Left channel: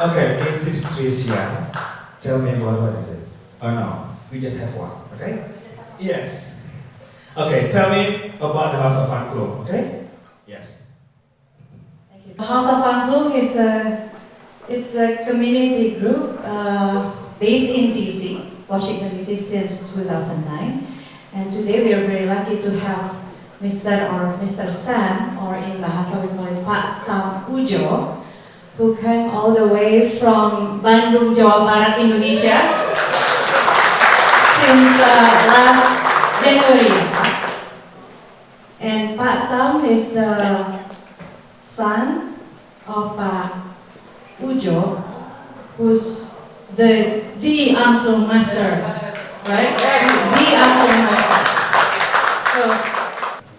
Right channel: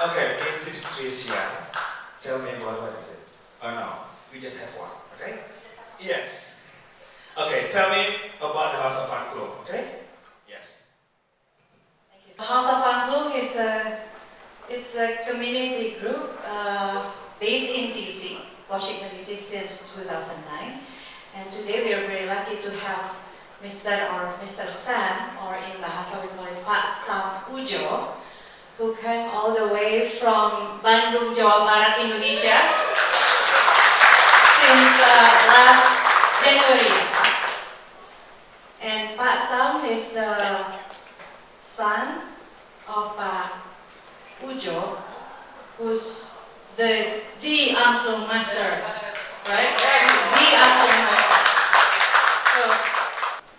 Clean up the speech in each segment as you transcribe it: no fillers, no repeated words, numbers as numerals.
Okay, this is Tricia. Tell me about what is it? Oh no, we just have one, okay? Yes. Okay, tell me about the House of Fun Club, okay? Yes. Thank you. House of Angklung is a community group based in DC, Washington DC since 2009. And today we are very lucky to have Mr. Sam, or in Bahasa we call it Pak Sam Ujo, who came all the way from Bandung, Jawa Barat, Indonesia since last January. And Pak Sam is the son of Pak Ujo, who's the Angklung master, right? The Angklung master. So,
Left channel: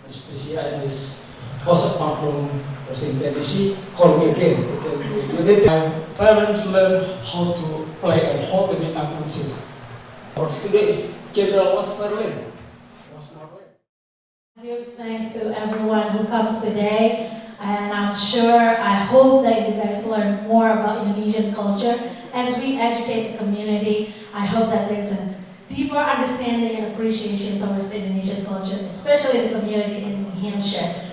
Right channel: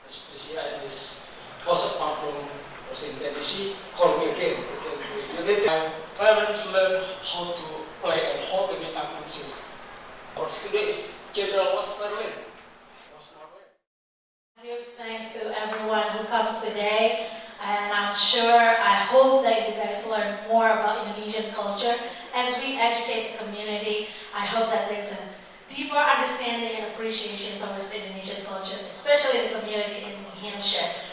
Mr. Tricia and his House of Angklung Washington DC called me again to tell me my parents learn how to play and how to make Angklung shoes. Our studio is General Wasmerlin. Give thanks to everyone who comes today, and I hope that you guys learn more about Indonesian culture. As we educate the community, I hope that there's a deeper understanding and appreciation towards the Indonesian culture, especially the community in New Hampshire.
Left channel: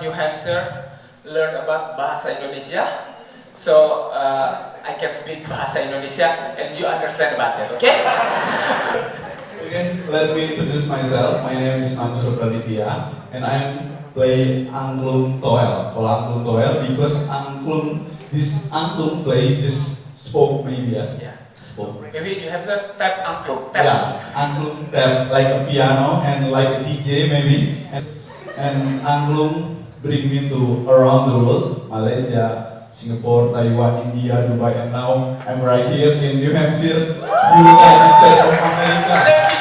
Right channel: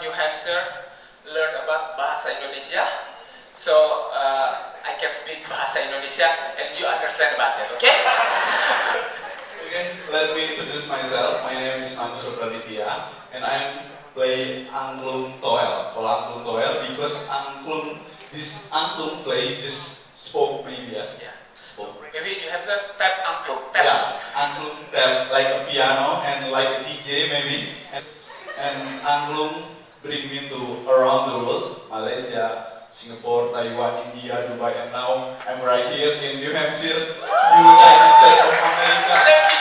New Hampshire learn about Bahasa Indonesia. So I can speak Bahasa Indonesia and you understand about it, okay? Again, let me introduce myself. My name is Mansur Praditya, and I'm play angklung toel. Kalau angklung toel, because this angklung play just spoke maybe ya. Yeah. Spoke. Maybe you have to tap angklung. Tap. Yeah, angklung tap like a piano and like a DJ maybe. And angklung bring me to around the world, Malaysia, Singapore, Taiwan, India, Dubai, and now I'm right here in New Hampshire, United States of America. Thank you.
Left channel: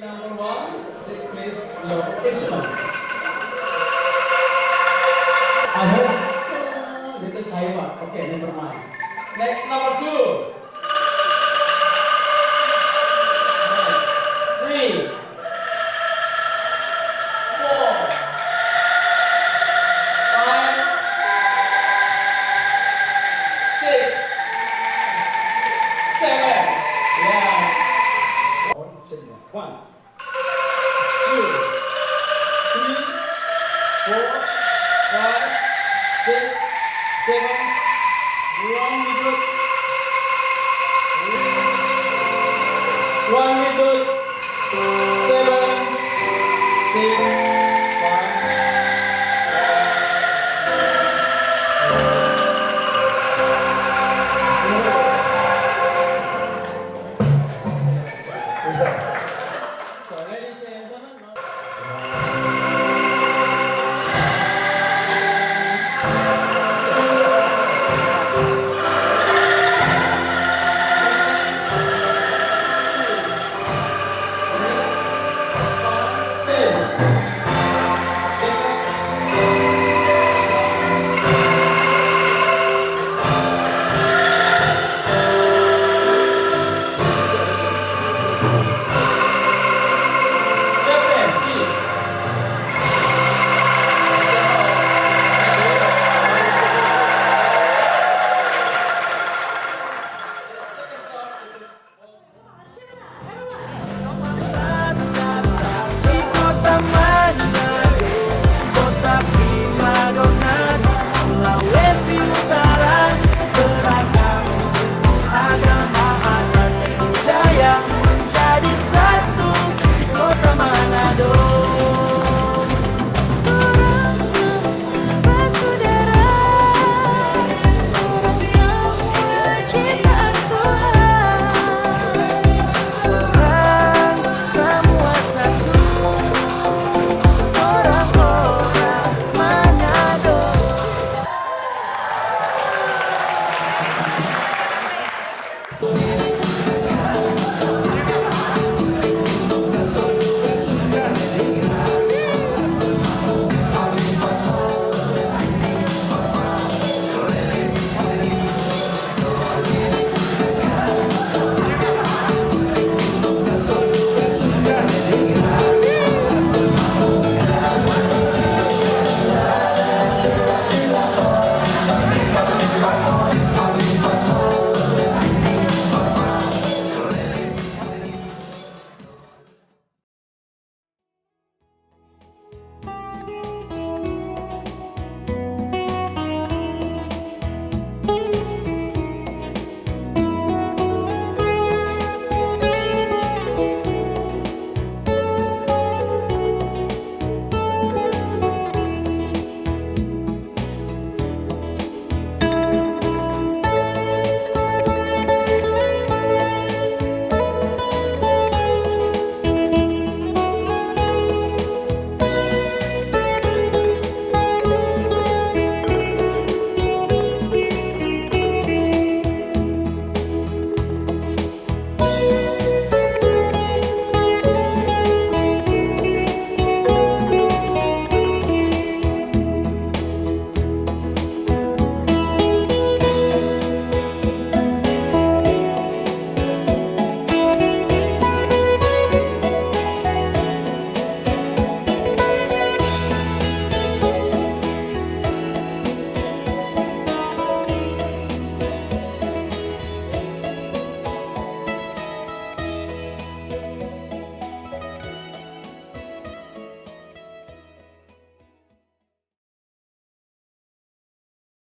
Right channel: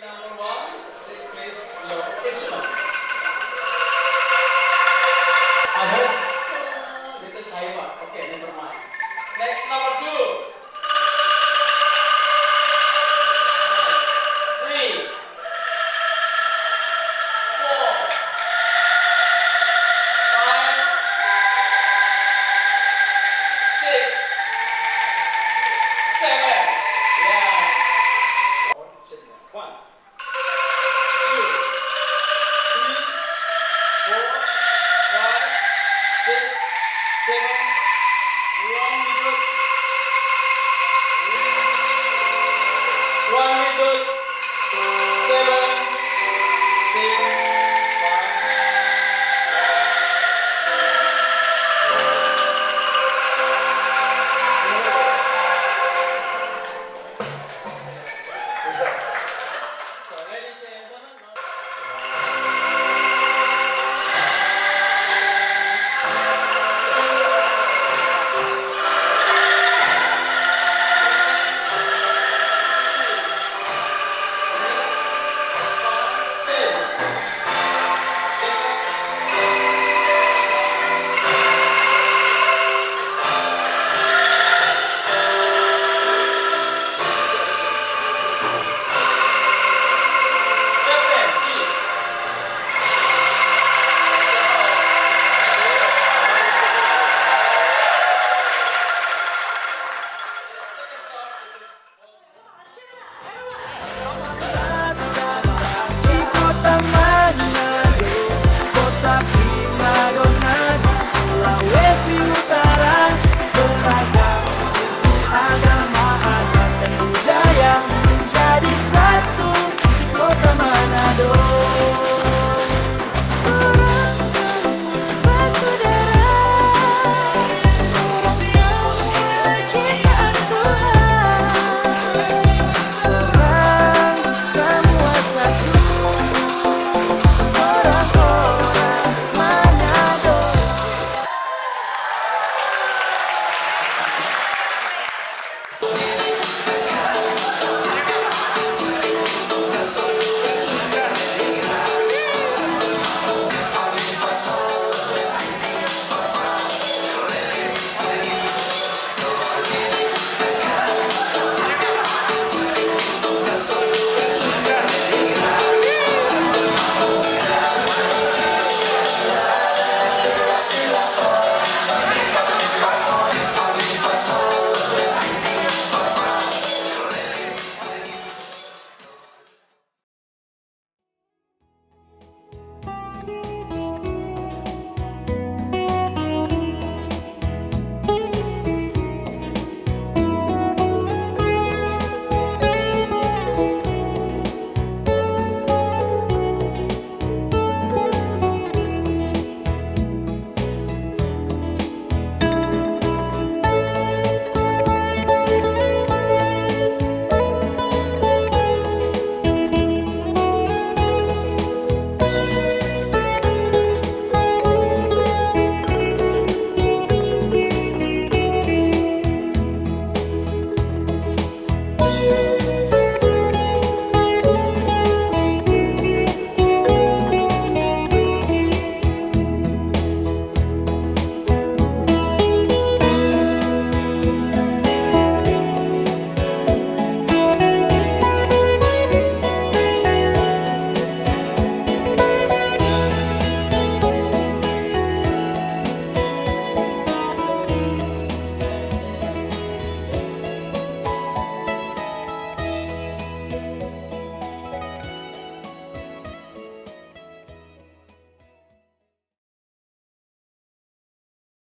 Number one, please your instrument. I hope little Saiwa. Okay, never mind. Next, number two.